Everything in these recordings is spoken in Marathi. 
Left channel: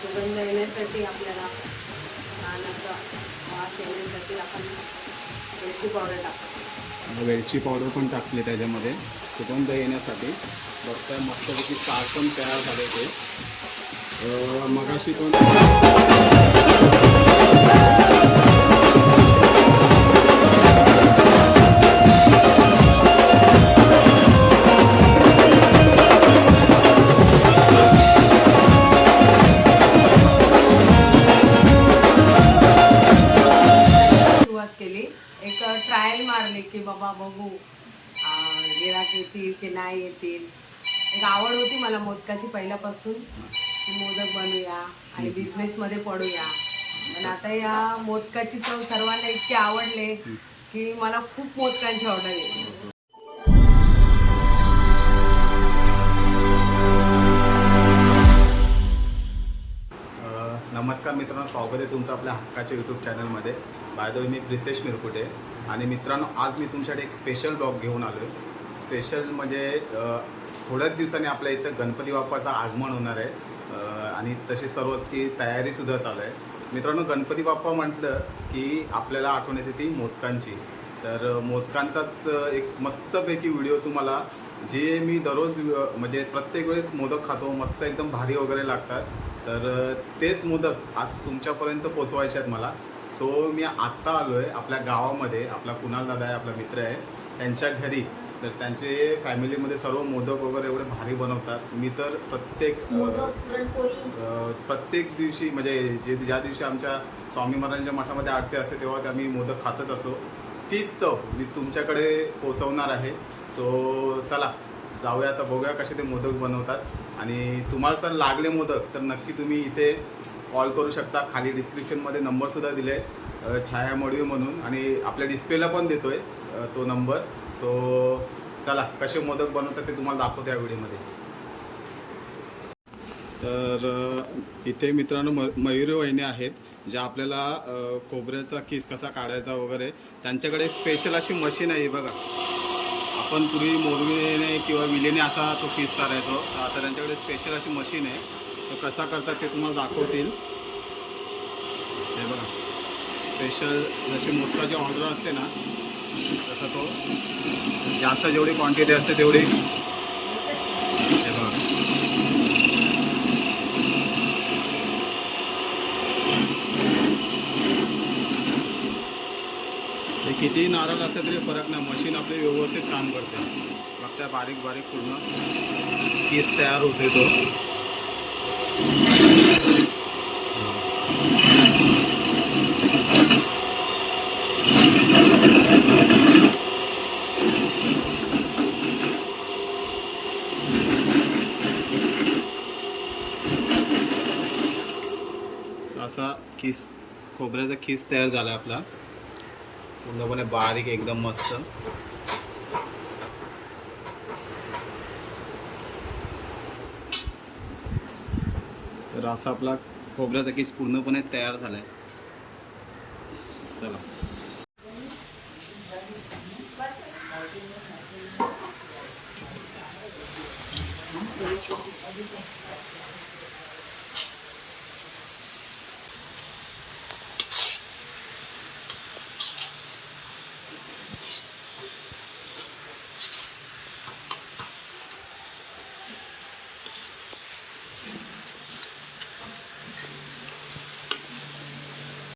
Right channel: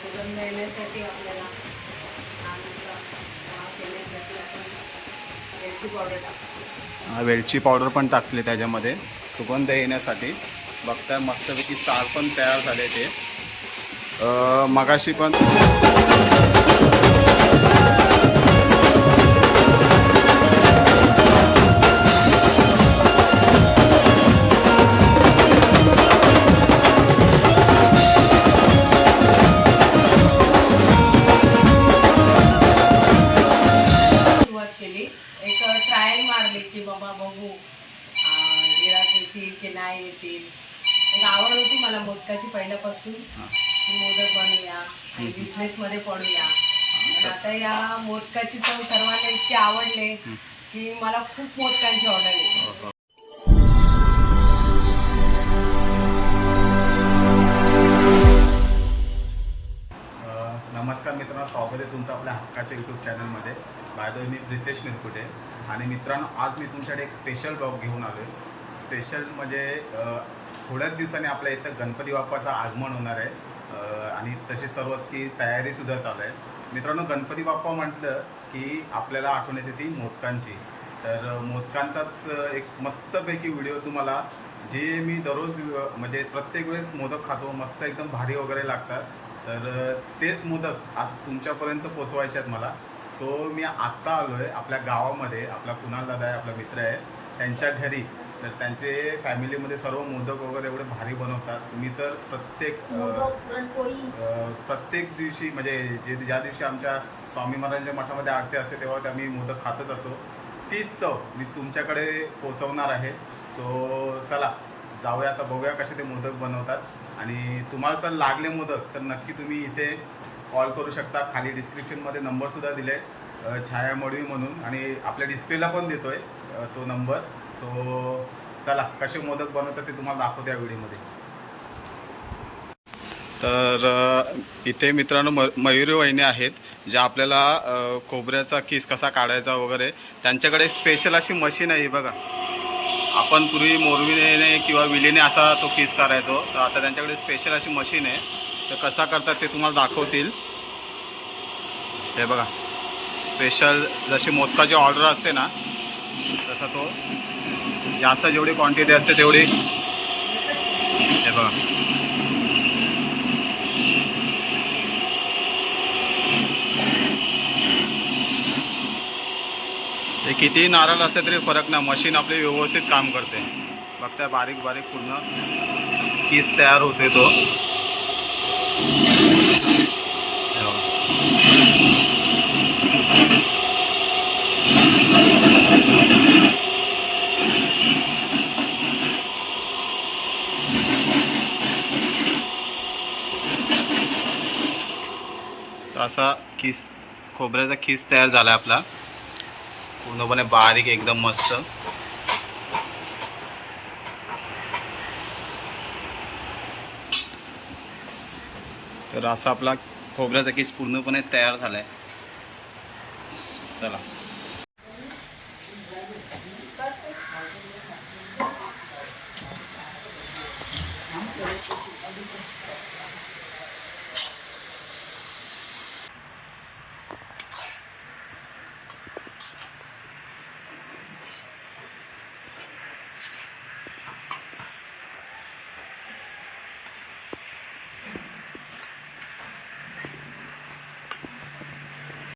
सुगंध येण्यासाठी आपल्याला छान वास येण्यासाठी आपण वेलची पावडर टाकतो. वेलची पावडर पण टाकली त्याच्यामध्ये. सुगंध येण्यासाठी. बघताय मस्तपैकी सार पण तयार झाले ते. मगाशी पण एक ट्रायल मारले की बाबा बघू. गिराक येतील की नाही येतील. एक आवड होती मला मोदकाची पहिल्यापासून. की मोदक बनवूया आणि बिझनेस मध्ये पडूया. पण आता या मोदकाची चव सर्वांना इतकी आवडले की मला खूप मोदकांची ऑर्डर येते. अ, नमस्कार मित्रांनो स्वागत आहे तुमचं आपल्या हक्काच्या यूट्यूब चॅनलमध्ये बाय मी प्रितेश मिरकुटे. आणि मित्रांनो आज मी तुमच्याकडे एक स्पेशल ब्लॉग घेऊन आलो आहे स्पेशल म्हणजे थोड्याच दिवसांनी आपल्या इथं गणपती बाप्पाचं आगमन होणार आहे. आणि तशी सर्वची तयारीसुद्धा चालू आहे. मित्रांनो गणपती बाप्पा म्हटलं की आपल्याला आठवण येते ती मोदकांची. तर मोदकांचाच एक मस्तपैकी व्हिडिओ तुम्हाला जे मी दररोज म्हणजे प्रत्येक वेळेस मोदक खातो मस्त एकदम भारी वगैरे लागतात. तर तेच मोदक आज तुमच्यापर्यंत पोचवायचे आहेत मला. सो मी आत्ता आलो आहे आपल्या गावामध्ये. आपला कुणाल दादा आहे आपला मित्र आहे. त्यांच्या घरी. तर त्यांचे फॅमिलीमध्ये सर्व मोदक वगैरे एवढे भारी बनवतात. मी तर प्रत्येक अ, प्रत्येक दिवशी म्हणजे जे ज्या दिवशी आमच्या स्वामी महाराजांच्या मठामध्ये आरती असते तेव्हा ते आम्ही मोदक खातच असो. तीच चव मी तुमच्याकडे पोचवणार आहे. सो चला जाऊया आता बघूया कसे ते मोदक बनवतात. आणि तुम्हाला जर लागले मोदक तर नक्की तुम्ही इथे कॉल करू शकता. खाली डिस्क्रिप्शनमध्ये नंबरसुद्धा दिले. आहे छाया मडवी म्हणून. आणि आपल्या डिस्प्लेला पण देतोय आहे तो नंबर सो चला कसे मोदक बनवतात ते तुम्हाला दाखवतो या व्हिडिओमध्ये तर इथे मित्रांनो म मयुरी वहिनी आहेत ज्या आपल्याला खोबऱ्याचा किस कसा काढायचा वगैरे त्यांच्याकडे स्पेशल अशी मशीन आहे बघा. आपण पूर्वी मोरविने किंवा विलेने असा तो किस करायचो तर आता त्यांच्याकडे स्पेशल अशी मशीन आहे. तर कसा करतात ते तुम्हाला दाखवतील. हे बघा. स्पेशल जशी मोदकाची ऑर्डर असते ना तसा तो जास्त जेवढी क्वांटिटी असते तेवढी. हे बघा. ते कितीही नारळ असते तरी फरक नाही. मशीन आपली व्यवस्थित काम करते. बघताय बारीक बारीक पूर्ण पीस तयार होते तो. असा किस खोबऱ्याचा खिस तयार झाला आपला. पूर्णपणे बारीक एकदम मस्त. तर असा आपला खोबऱ्याचा केस पूर्णपणे तयार झाला आहे चला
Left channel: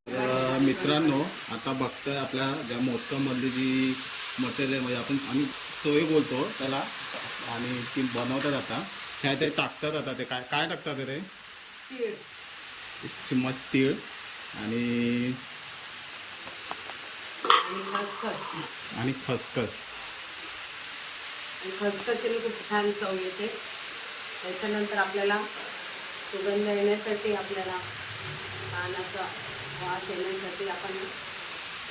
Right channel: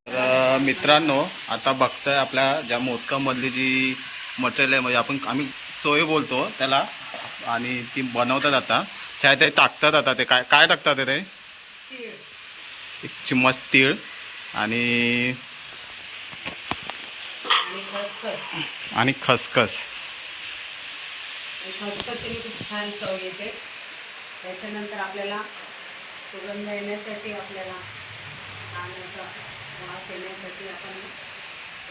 तर मित्रांनो आता बघताय आपल्या ज्या मोदकामधली जी मटेरियल आहे म्हणजे आपण आम्ही सोय बोलतो त्याला आणि ती बनवतात आता. छाय ते टाकतात आता ते. काय काय टाकतात ते? एक चिमच तीळ आणि आणि खसखस. खसखस खसखशीने खूप छान चव येते. त्याच्यानंतर आपल्याला सुगंध येण्यासाठी आपल्याला छान असा वास येण्यासाठी आपण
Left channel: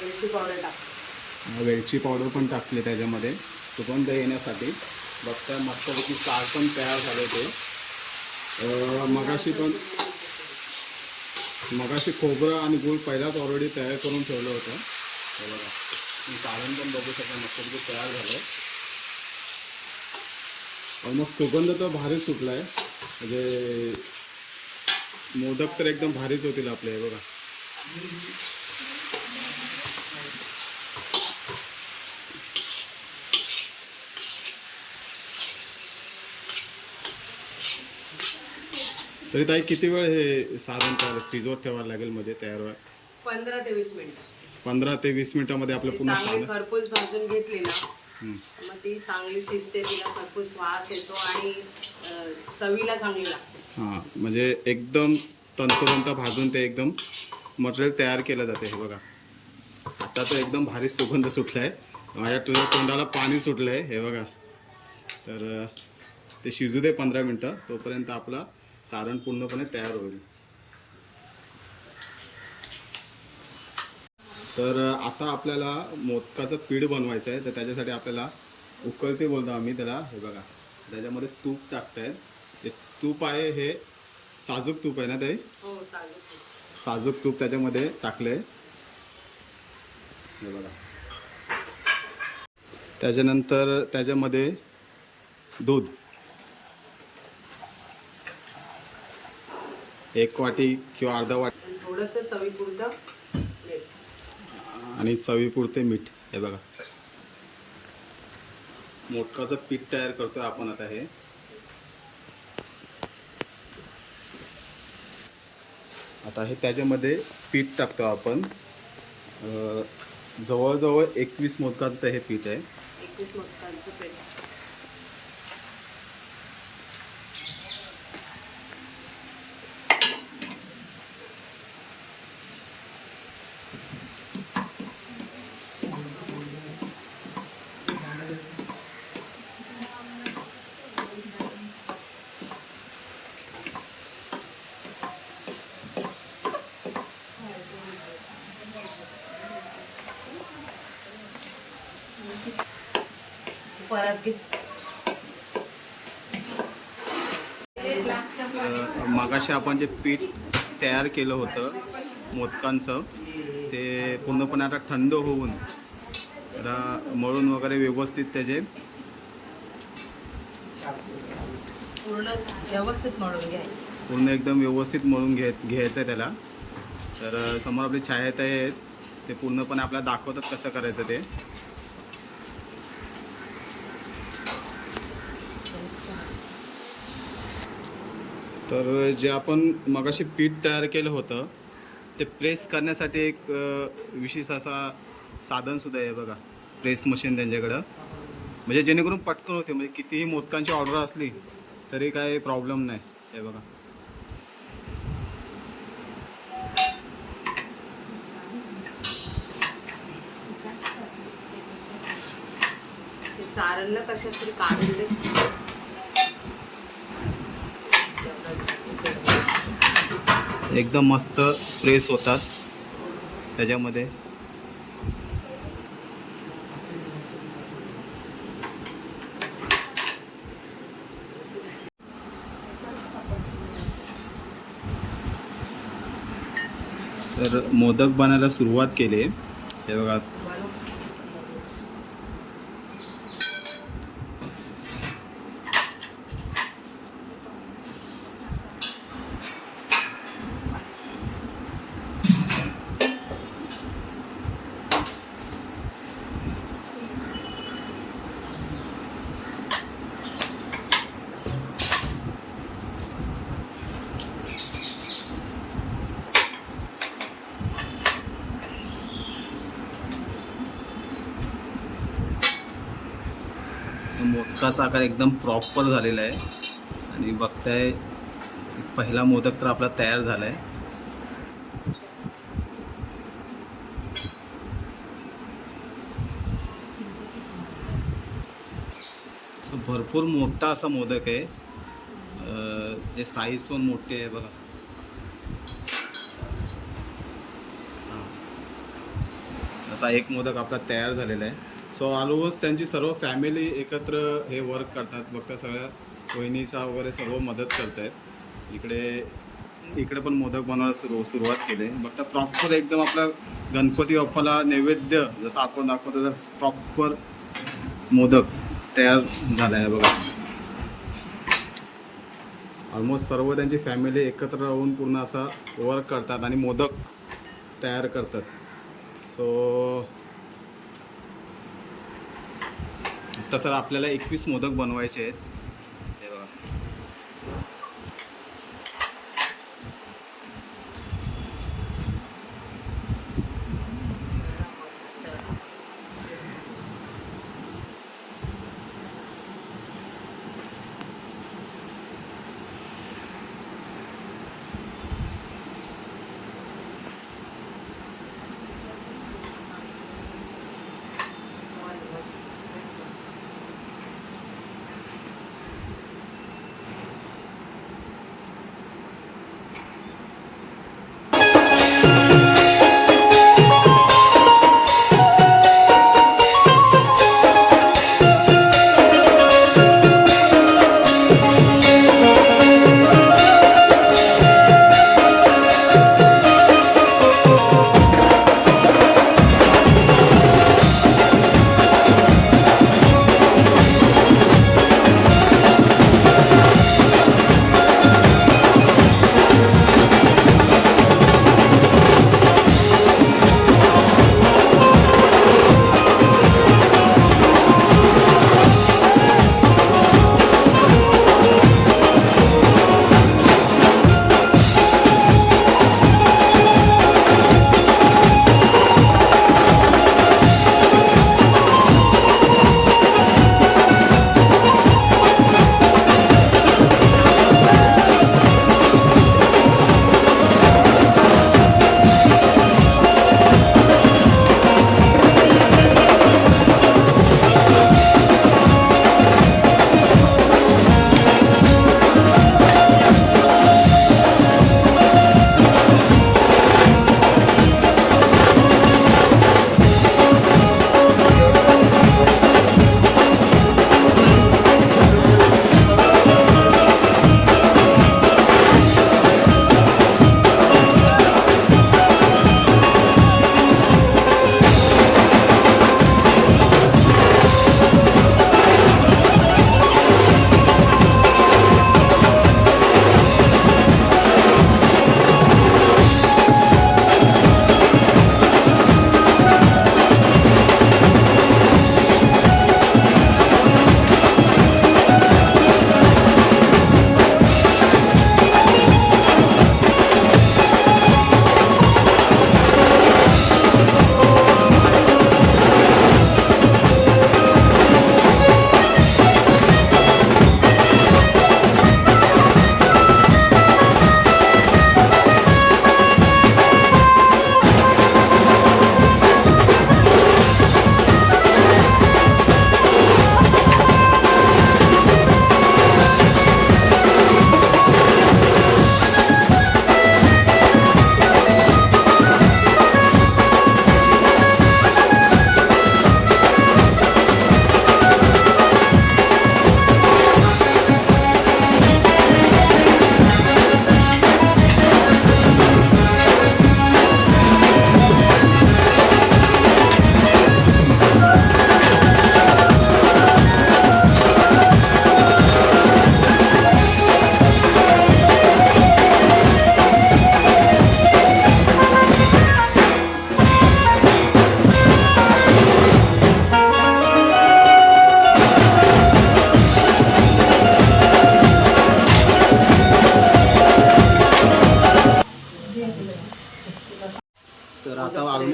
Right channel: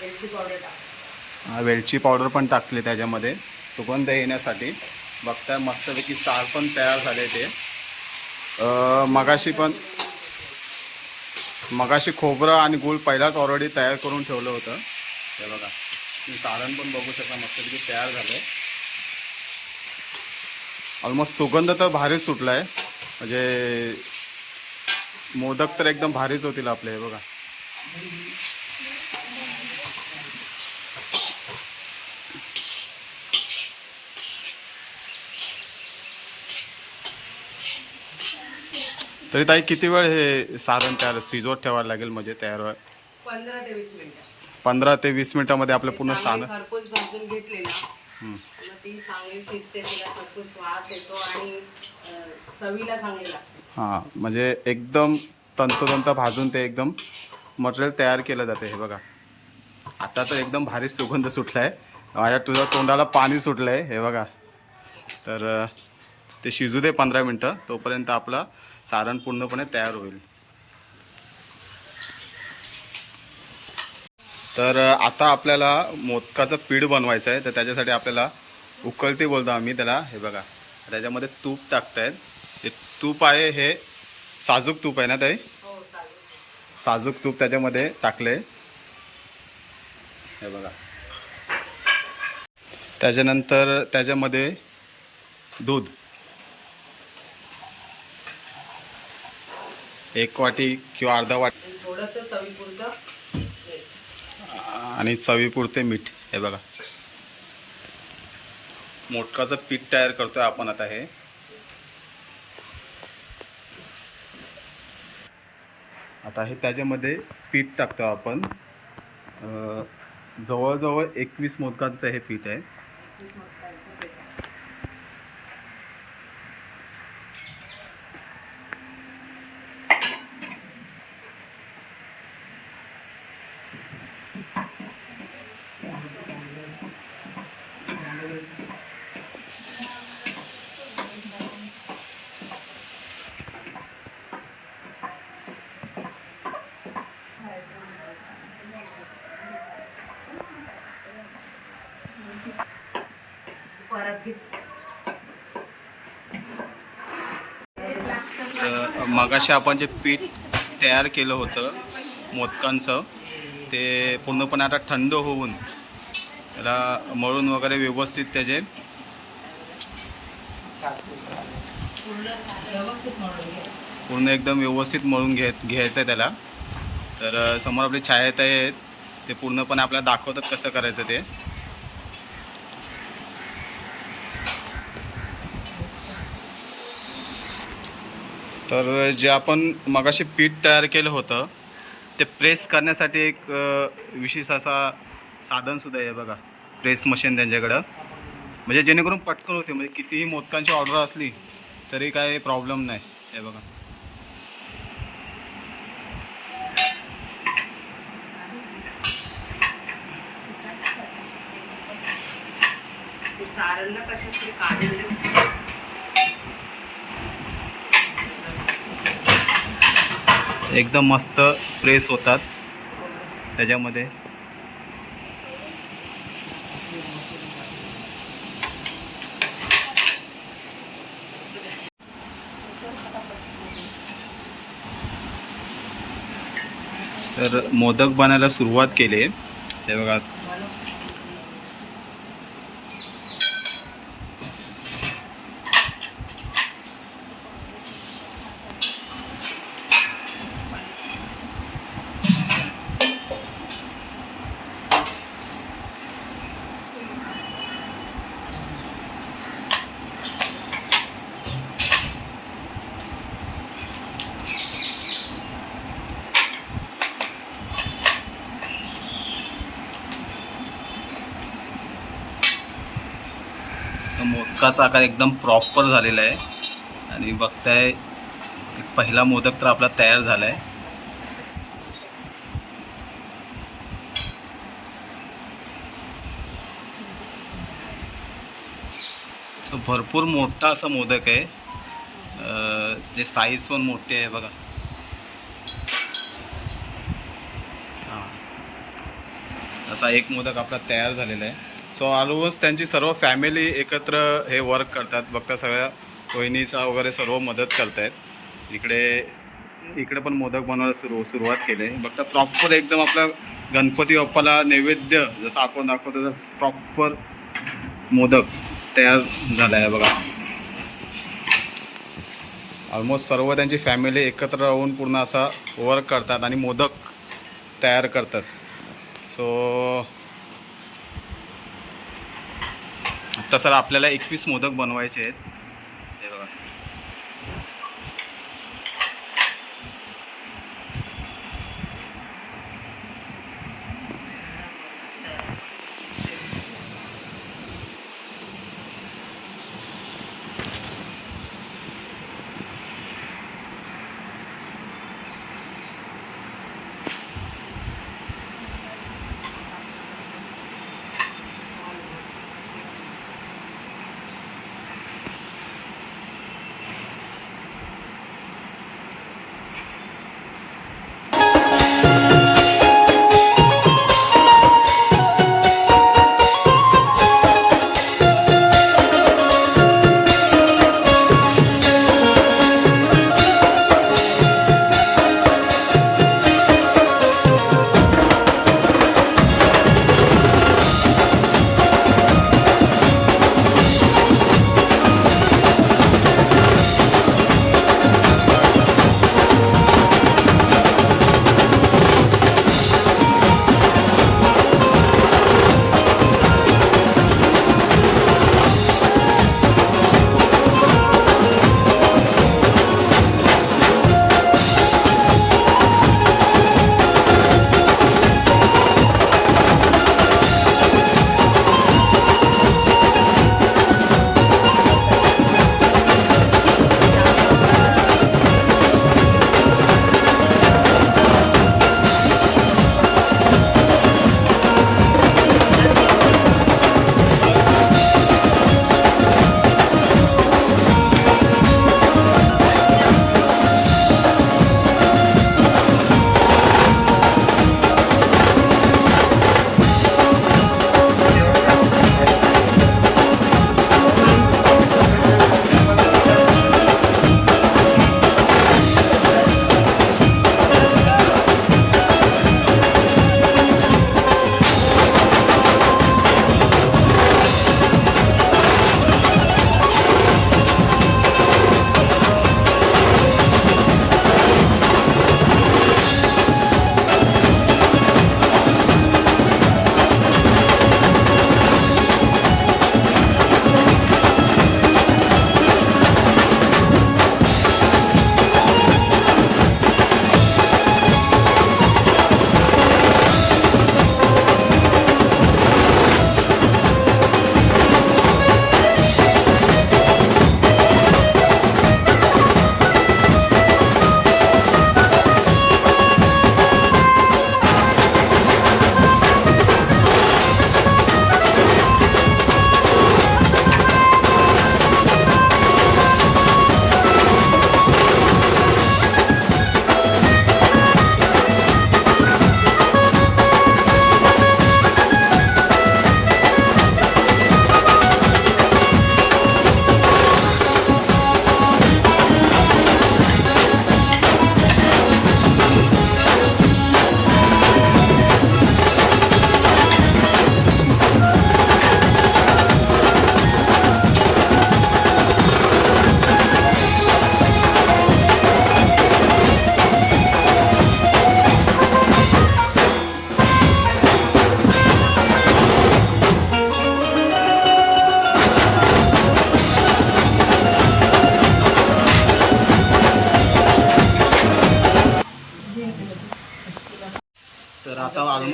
वेलची पावडर टाकतो. हा, वेलची पावडर पण टाकली त्याच्यामध्ये. सुगंध येण्यासाठी. बघताय मस्तपैकी सार पण तयार झाले ते. मगाशी पण मगाशी खोबरं आणि गूळ पहिलाच ऑलरेडी तयार करून ठेवलं होतं. हे बघा. मी सारण पण बघू शकता मस्तपैकी तयार झालं ऑलमोस्ट सुगंध तर भारीच सुटला आहे म्हणजे मोदक तर एकदम भारीच होतील आपले हे बघा. तरी ताई किती वेळ हे साधन तयार शिजवत ठेवायला लागेल म्हणजे तयार व्हाय पंधरा ते वीस मिनिटं. पंधरा ते वीस मिनिटामध्ये आपलं पूर्ण चांगली साधन खरपूस भाजून घेतली ना हं. मग ती चांगली शिजते तिला खरपूस वास येतो आणि अं, चवीला चांगली लागते. हां म्हणजे एकदम तंतोतंत भाजून ते एकदम मटेरियल तयार केलं जाते हे बघा. आता तर एकदम भारी सुगंध सुटला आहे माझ्या तुझ्या तोंडाला पाणी सुटलं आहे हे बघा. तर ते शिजू दे पंधरा मिनटं तोपर्यंत आपलं सारण पूर्णपणे तयार होईल. तर आता आपल्याला मोदकाचं पीठ बनवायचं आहे तर त्याच्यासाठी आपल्याला उकळते बोलतो आम्ही त्याला हे बघा. त्याच्यामध्ये तूप टाकतायत. हे तूप आहे हे साजूक तूप आहे ना ताई? हो, साजूक तूप त्याच्यामध्ये टाकले. हे बघा. त्याच्यानंतर त्याच्यामध्ये दूध. एक वाटी किंवा अर्धा वाटी थोडस चवीपुरतं आणि चवीपुरते मीठ. हे बघा. मोदकाचं पीठ तयार करतोय आपण आता हे. आता हे त्याच्यामध्ये पीठ टाकतो आपण. जवळजवळ एकवीस मोदकांचं हे पीठ आहे. एकवीस मोदकांचं पीठ. तर मगाशी आपण जे पीठ तयार केलं होतं मोदकांचं ते पूर्णपणे आता थंड होऊन त्याला मळून वगैरे व्यवस्थित त्याचे पूर्ण एकदम व्यवस्थित मळून घे घ्यायचं आहे त्याला. तर समोर आपले छायाताई आहेत ते पूर्णपणे आपल्याला दाखवतात कसं करायचं ते. तर जे आपण मगाशी पीठ तयार केलं होतं ते प्रेस करण्यासाठी एक विशेष असा साधनसुद्धा आहे बघा. प्रेस मशीन त्यांच्याकडं. म्हणजे जेणेकरून पटकन होते. म्हणजे कितीही मोदकांची ऑर्डर असली तरी काही प्रॉब्लेम नाही. हे बघा. सारणला कशा तरी काढून दे एकदम मस्त प्रेस होतात. त्याच्यामध्ये. तर मोदक बनायला सुरुवात केली. हे बघा बनव तर मोदकाचा आकार एकदम प्रॉपर झालेला आहे. आणि बघताय एक पहिला मोदक तर आपला तयार झाला आहे सो भरपूर मोठा असा मोदक आहे. जे साईज पण मोठे आहे बघा. हां. असा एक मोदक आपला तयार झालेला आहे. सो ऑलमोस्ट त्यांची सर्व फॅमिली एकत्र हे वर्क करतात. बघता सगळ्या वहिनीचा वगैरे सर्व मदत करतायत. इकडे इकडे पण मोदक बनवायला सुरू सुरुवात केली. आहे बघता प्रॉपर एकदम आपला गणपती बाप्पाला नैवेद्य जसं आपण दाखवतो तसं प्रॉपर मोदक तयार झाला आहे बघा. ऑलमोस्ट सर्व त्यांची फॅमिली एकत्र राहून पूर्ण असा वर्क करतात आणि मोदक तयार करतात. सो तसं सर आपल्याला एकवीस मोदक बनवायचे आहेत.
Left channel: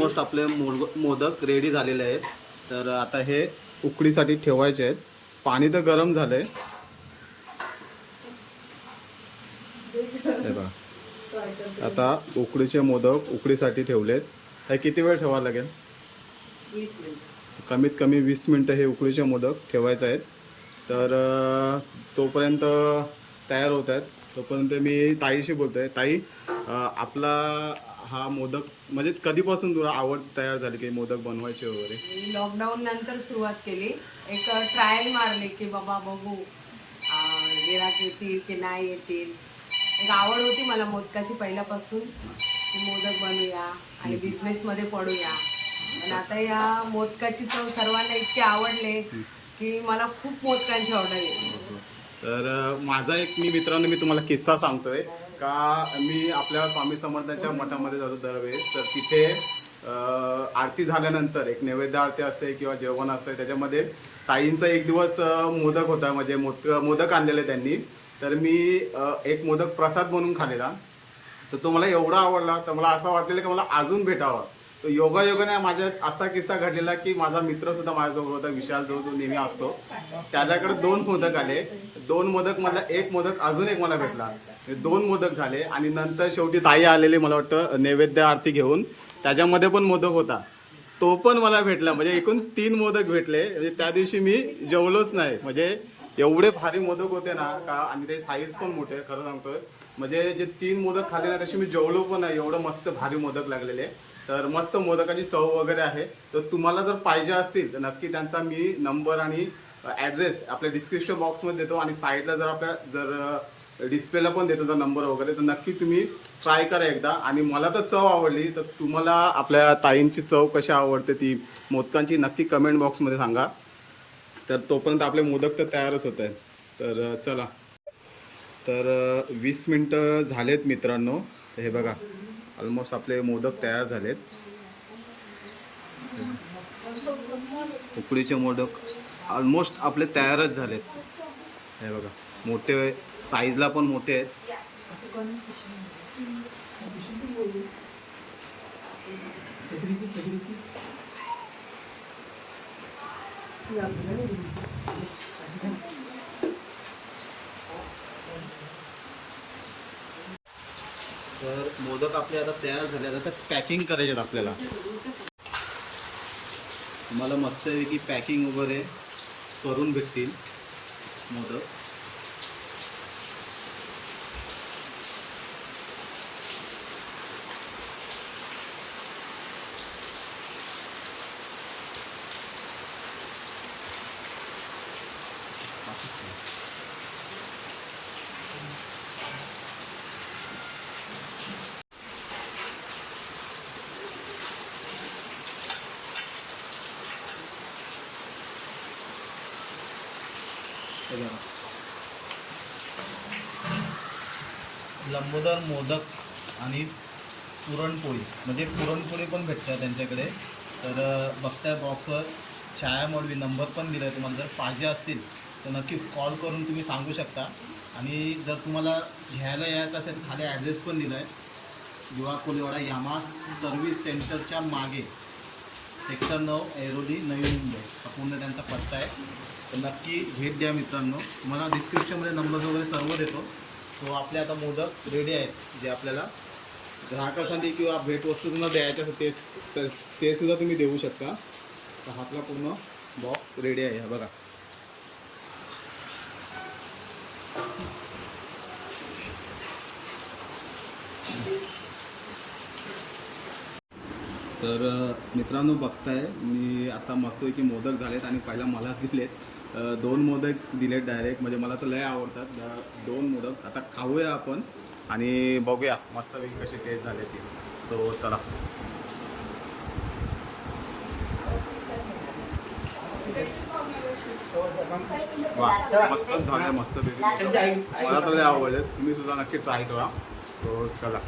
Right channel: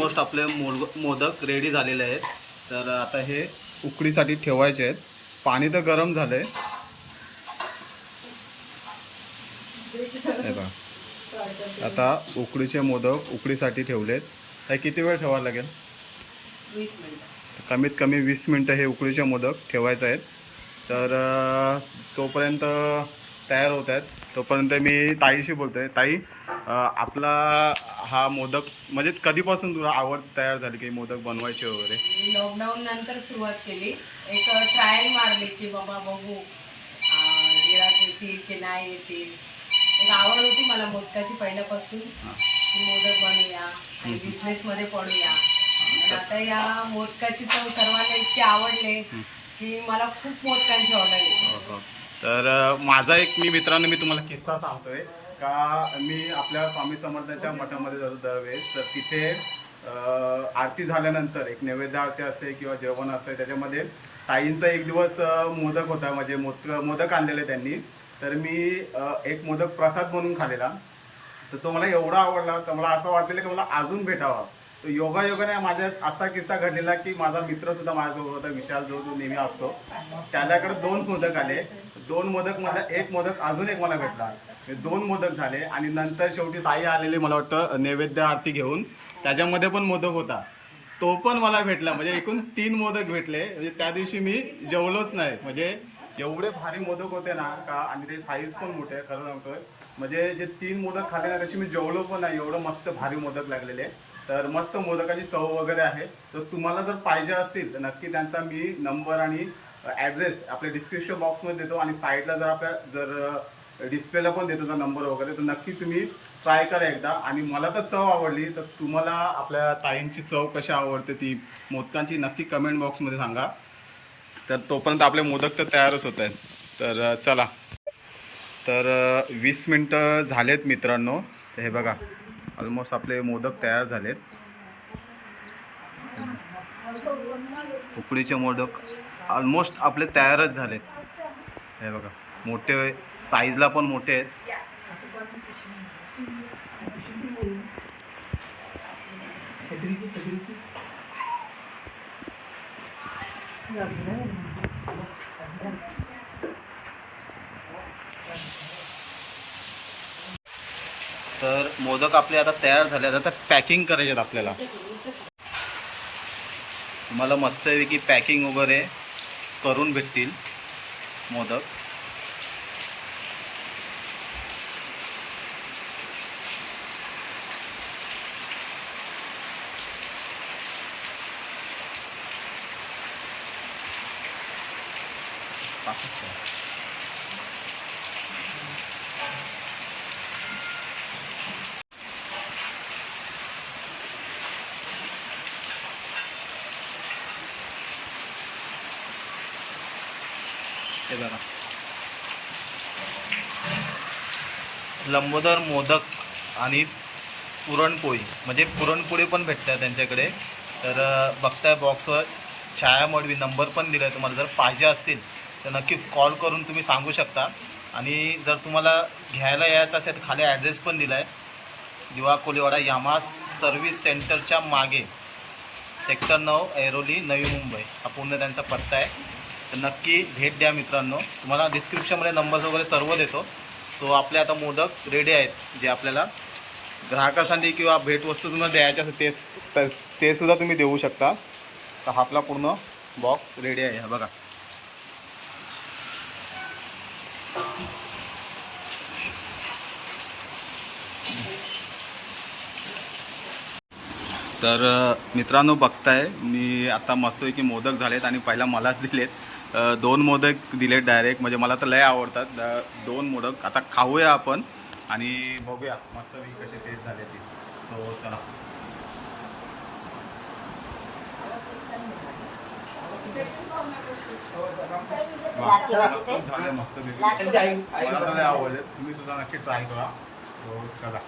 ऑलमोस्ट आपले मोड मोदक रेडी झालेले आहेत. तर आता हे उकडीसाठी ठेवायचे आहेत. पाणी तर गरम झालंय. हे बघा. आता उकडीचे मोदक उकडीसाठी ठेवलेत. हे किती वेळ ठेवावं लागेल? कमीत कमी वीस मिनटं हे उकडीचे मोदक ठेवायचे आहेत. तर तोपर्यंत तयार होत आहेत. तोपर्यंत मी ताईशी बोलतोय. ताई अं, आपला हा मोदक म्हणजे कधीपासून तुला आवड तयार झाली की मोदक बनवायचे वगैरे? मी लॉकडाऊन नंतर सुरुवात केली. एक ट्रायल मारली की बाबा बघू गिराक येतील की नाही येतील. एक आवड होती मला मोदकाची पहिल्यापासून. की मोदक बनवूया आणि बिझनेस मध्ये पडूया. पण आता या मोदकाची चव सर्वांना इतकी आवडले की मला खूप मोदकांची ऑर्डर येते. हो, हो. तर माझा एक मी मित्रांनो मी तुम्हाला किस्सा सांगतोय. का मी आपल्या स्वामी समर्थांच्या मठामध्ये जातो दरवेळेस तर तिथे आरती झाल्यानंतर एक नैवेद्य आरती असते किंवा जेवण असते. त्याच्यामध्ये ताईंचा एक दिवस मोदक होता म्हणजे मोदक मोदक आणलेले त्यांनी. तर मी एक मोदक प्रसाद म्हणून खालेला तर तो मला एवढा आवडला तर मला असं वाटलेलं की मला अजून भेटावा. तो योगा योगाने माझ्यात असा किस्सा घडलेला की माझा मित्रसुद्धा माझ्यासोबत होता विशाल जो जो नेहमी असतो. त्याच्याकडे दोन मोदक आले. दोन मोदक मला एक मोदक अजून एक मला भेटला. हे दोन मोदक झाले आणि नंतर शेवटी ताई आलेले मला वाटतं नैवेद्य आरती घेऊन. त्याच्यामध्ये पण मोदक होता. तो पण मला भेटला. म्हणजे एकूण तीन मोदक भेटले. म्हणजे त्या दिवशी मी जेवलोच नाही. म्हणजे एवढे भारी मोदक होते ना का आणि ते साईज पण मोठे खरं सांगतोय. म्हणजे जे तीन मोदक खाल्ले ना तशी मी जेवलो पण नाही. एवढं मस्त भारी मोदक लागलेले. तर मस्त मोदकाची चव वगैरे आहे. तर तुम्हाला जर पाहिजे असतील तर नक्की त्यांचा मी नंबर आणि ॲड्रेस आपल्या डिस्क्रिप्शन बॉक्समध्ये देतो. आणि साईडला जर आपल्या जर डिस्प्लेला पण देतो नंबर वगैरे तर नक्की तुम्ही ट्राय करा एकदा. आणि मला तर चव आवडली तर तुम्हाला आपल्या ताईंची चव कशी आवडते ती मोदकांची नक्की कमेंट बॉक्समध्ये सांगा. तर तोपर्यंत आपले मोदक तर तयारच होत आहेत. तर चला. तर वीस मिनटं झालेत मित्रांनो. तर हे बघा ऑलमोस्ट आपले मोदक तयार झालेत. उकडीचे मोदक ऑलमोस्ट आपले तयारच झालेत. हे बघा मोठे साईजला पण मोठे आहेत. तर मोदक आपले आता तयार झाले आहेत. आता पॅकिंग करायचे आहेत आपल्याला. तुम्हाला मस्तपैकी पॅकिंग वगैरे करून भेटतील मोदक. असंच हे बघा. लंबोदर मोदक आणि पुरणपोळी. म्हणजे पुरणपोळी पण भेटतात त्यांच्याकडे. तर बघताय बॉक्सवर छाया मडवी नंबर पण दिला आहे तुम्हाला. जर पाहिजे असतील तर नक्कीच कॉल करून तुम्ही सांगू शकता. आणि जर तुम्हाला घ्यायला यायचं असेल तर खाली ॲड्रेस पण दिला आहे दिवा कोलीवाडा यामा सर्व्हिस सेंटरच्या मागे. सेक्टर नऊ ऐरोली नवी मुंबई. हा पूर्ण त्यांचा पत्ता आहे. तर नक्की भेट द्या मित्रांनो. तुम्हाला डिस्क्रिप्शनमध्ये नंबर्स वगैरे सर्व देतो. सो आपले आता मोदक रेडी आहेत जे आपल्याला ग्राहकासाठी किंवा भेटवस्तू तुम्हाला द्यायच्या असेल तेच तर तेसुद्धा तुम्ही देऊ शकता. तर हा आपला पूर्ण बॉक्स रेडी आहे. हा बघा. तर मित्रांनो बघताय मी आता मस्तपैकी मोदक झालेत आणि पहिला मलाच दिलेत. दोन मोदक दिलेत डायरेक्ट म्हणजे मला तर लय आवडतात. दोन मोदक. आता खाऊया आपण आणि बघूया मस्तपैकी कसे टेस्ट झाले ते. सो चला. वा. मस्त झाले मस्त मला तर आवडले. तुम्ही सुद्धा नक्की ट्राय करा. सो चला.